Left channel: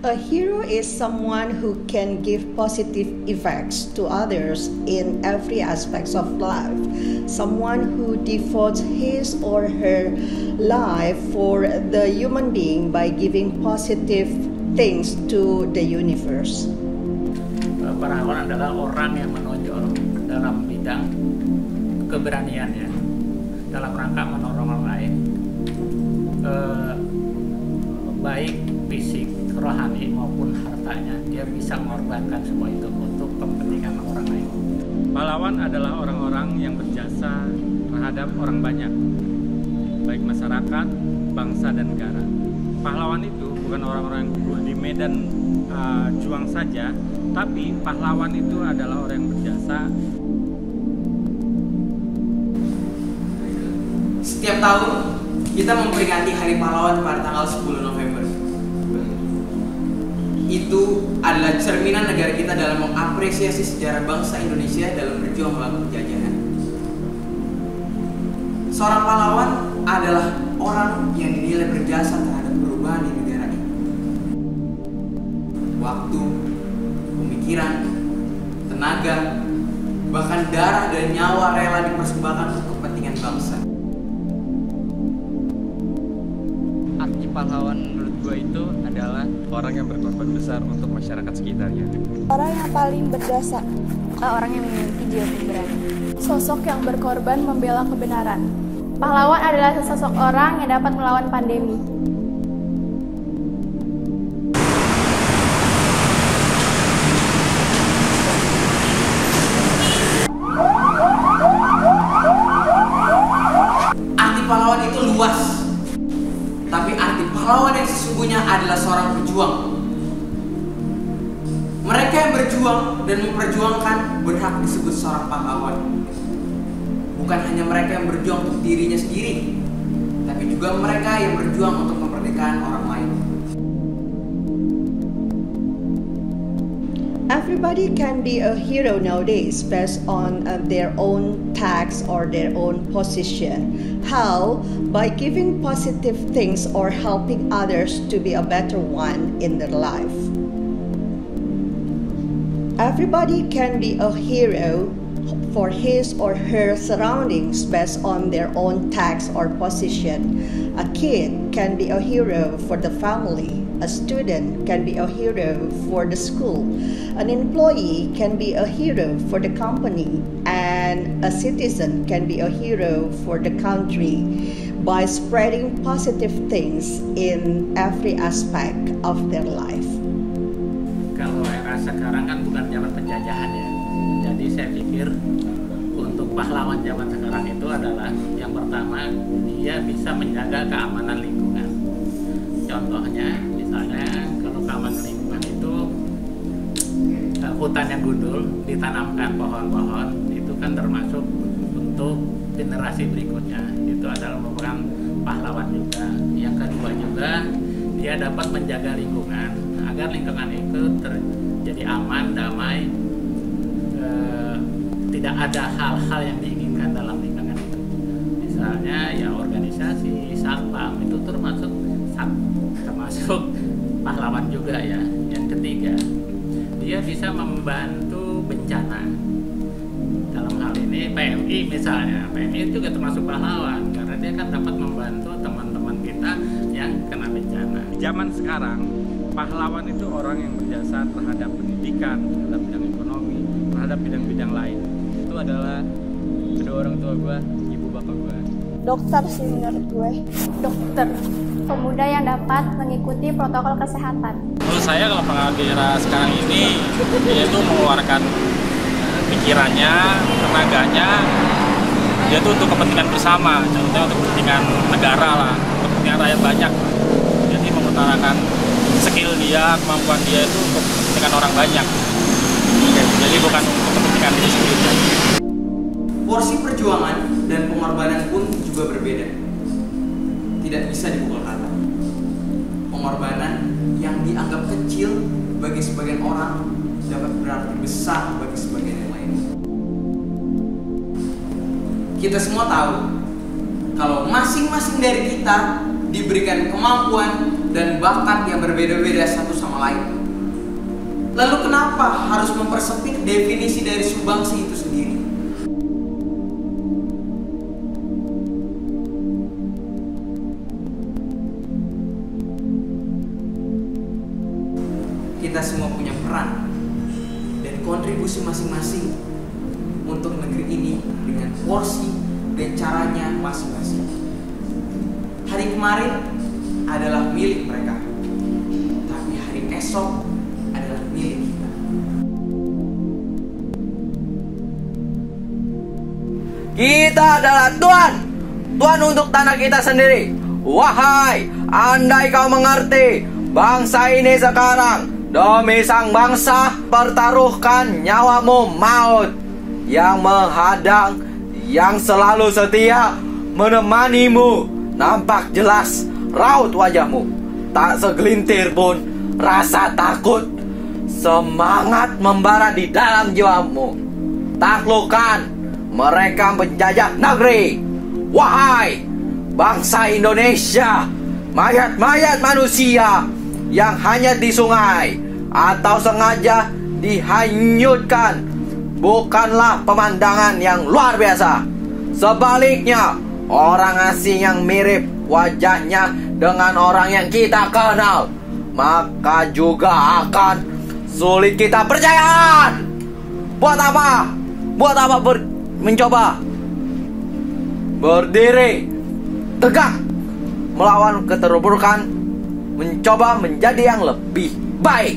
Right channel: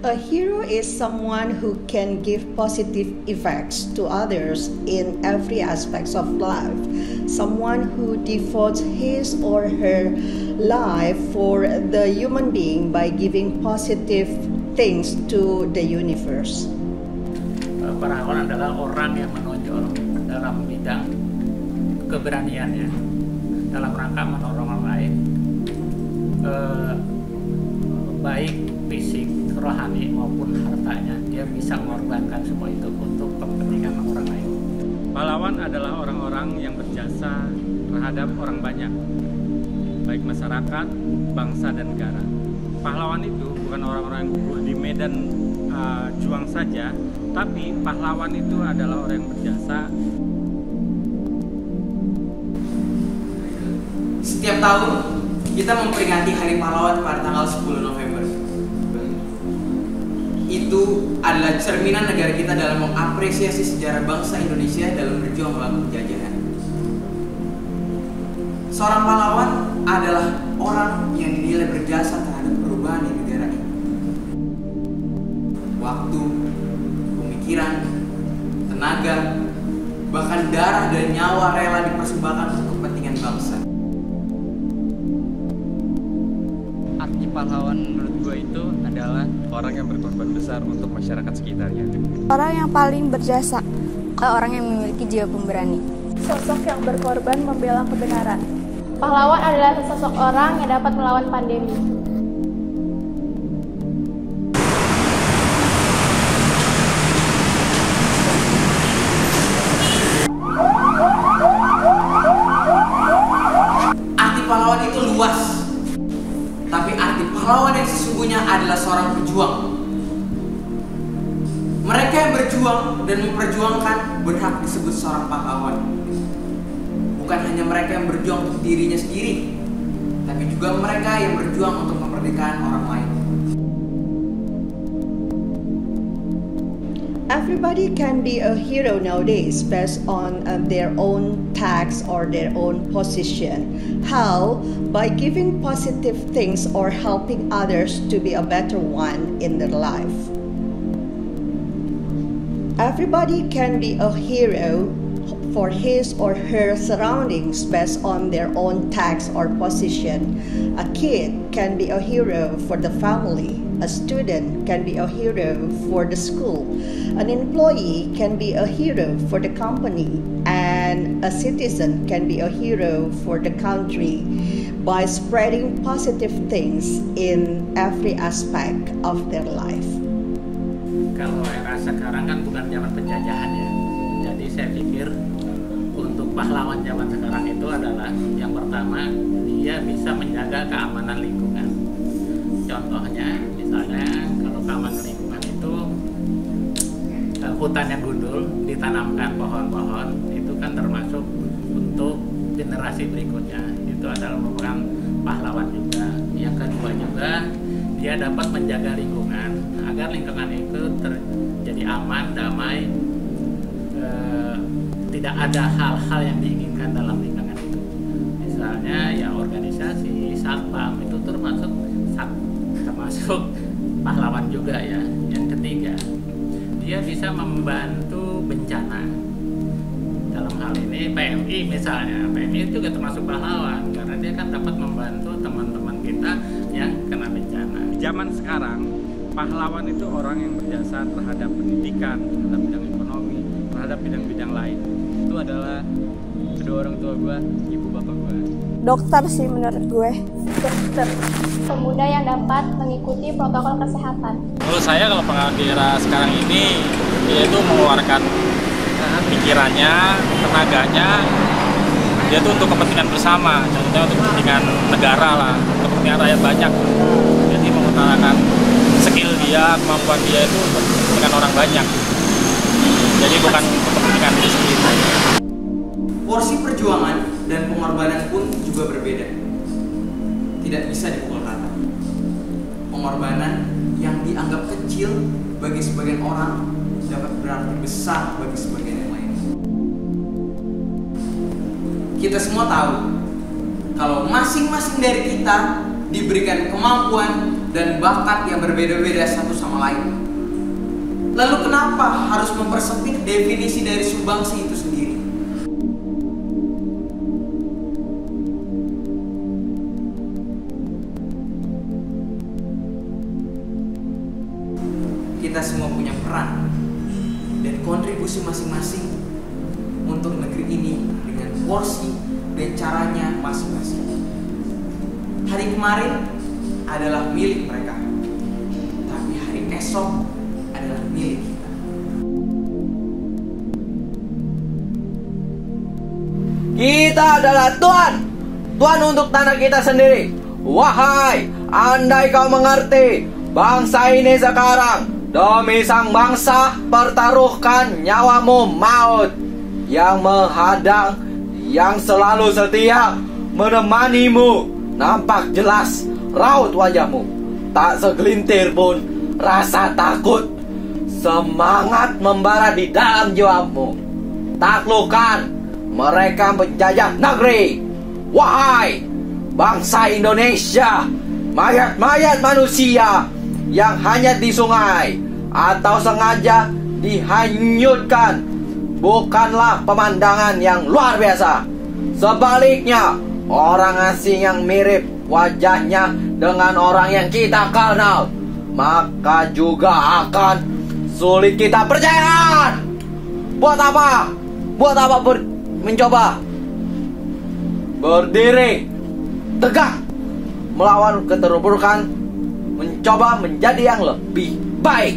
A hero is someone who can give positive effects to others in every aspect of life. Someone who devotes his or her life for the human being by giving positive things to the universe. Pahlawan adalah orang yang menonjol dalam bidang keberaniannya dalam rangka menolong orang lain, baik fisik, rohani maupun hartanya. Dia bisa mengorbankan semua itu untuk kepentingan orang lain. Pahlawan adalah orang-orang yang berjasa terhadap orang banyak, baik masyarakat, bangsa, dan negara. Pahlawan itu bukan orang-orang yang gugur di medan juang saja, tapi pahlawan itu adalah orang yang berjasa. Setiap tahun kita memperingati Hari Pahlawan pada tanggal 10 November. Itu adalah cerminan negara kita dalam mengapresiasi sejarah bangsa Indonesia dalam berjuang melawan penjajahan. Seorang pahlawan adalah orang yang dinilai berjasa terhadap perubahan di negara ini. Waktu, pemikiran, tenaga, bahkan darah dan nyawa rela dipersembahkan untuk kepentingan bangsa. Arti pahlawan menurut gue itu adalah orang yang berkorban besar untuk masyarakat sekitarnya. Orang yang paling berjasa. Orang yang memiliki jiwa pemberani. Sosok yang berkorban membela kebenaran. Pahlawan adalah sesosok orang yang dapat melawan pandemi. Arti pahlawan itu luas. Tapi arti pahlawan yang sesungguhnya adalah seorang pejuang. Mereka yang berjuang dan memperjuangkan berhak disebut seorang pahlawan. Bukan hanya mereka yang berjuang untuk dirinya sendiri, tapi juga mereka yang berjuang untuk kemerdekaan orang lain. Everybody can be a hero nowadays based on their own task or their own position. How? By giving positive things or helping others to be a better one in their life. Everybody can be a hero for his or her surroundings based on their own task or position. A kid can be a hero for the family. A student can be a hero for the school. An employee can be a hero for the company. And a citizen can be a hero for the country by spreading positive things in every aspect of their life. Kalau era sekarang kan bukan zaman penjajahan ya. Jadi saya pikir untuk pahlawan zaman sekarang itu adalah yang pertama, dia bisa menjaga keamanan lingkungan. Contohnya misalnya kalau keamanan lingkungan itu hutan yang gundul ditanamkan pohon-pohon, itu kan termasuk untuk generasi berikutnya. Itu adalah merupakan pahlawan juga. Yang kedua juga, dia dapat menjaga lingkungan agar lingkungan itu terjadi aman, damai, tidak ada hal-hal yang diinginkan dalam lingkungan itu. Misalnya ya organisasi, satpam itu termasuk pahlawan juga ya. Yang ketiga, dia bisa membantu bencana. Dalam hal ini PMI misalnya, PMI juga termasuk pahlawan karena dia kan dapat membantu teman-teman kita yang kena bencana. Di zaman sekarang, pahlawan itu orang yang berjasa terhadap pendidikan, terhadap bidang ekonomi, terhadap bidang-bidang lain. Itu adalah kedua orang tua gue, ibu bapak gue. Dokter sih menurut gue. Dokter, pemuda yang dapat mengikuti protokol kesehatan. Menurut saya kalau pengamat di era sekarang ini, dia itu mengeluarkan pikirannya, tenaganya, dia itu untuk kepentingan bersama, contohnya untuk kepentingan negara lah, kepentingan rakyat banyak. Jadi mengutarakan skill dia, kemampuan dia itu untuk kepentingan orang banyak. Jadi bukan untuk kepentingan diri sendiri. Porsi perjuangan dan pengorbanan pun juga berbeda. Tidak bisa dipukul rata. Pengorbanan yang dianggap kecil bagi sebagian orang dapat berarti besar bagi sebagian yang lain. Kita semua tahu kalau masing-masing dari kita diberikan kemampuan dan bakat yang berbeda-beda satu sama lain. Lalu kenapa harus mempersempit definisi dari sumbangsi itu sendiri? Kita semua punya peran dan kontribusi masing-masing untuk negeri ini dengan porsi dan caranya masing-masing. Hari kemarin adalah milik mereka, tapi hari esok adalah milik kita. Kita adalah Tuhan untuk tanah kita sendiri. Wahai, andai kau mengerti, bangsa ini sekarang demi sang bangsa pertaruhkan nyawamu maut. Yang menghadang, yang selalu setia menemanimu, nampak jelas raut wajahmu. Tak segelintir pun rasa takut, semangat membara di dalam jiwamu. Taklukkan mereka penjajah negeri. Wahai bangsa Indonesia, mayat-mayat manusia yang hanyut di sungai atau sengaja dihanyutkan bukanlah pemandangan yang luar biasa. Sebaliknya, orang asing yang mirip wajahnya dengan orang yang kita kenal, maka juga akan sulit kita percaya. Buat apa? Mencoba berdiri tegak melawan keterburukan, mencoba menjadi yang lebih baik.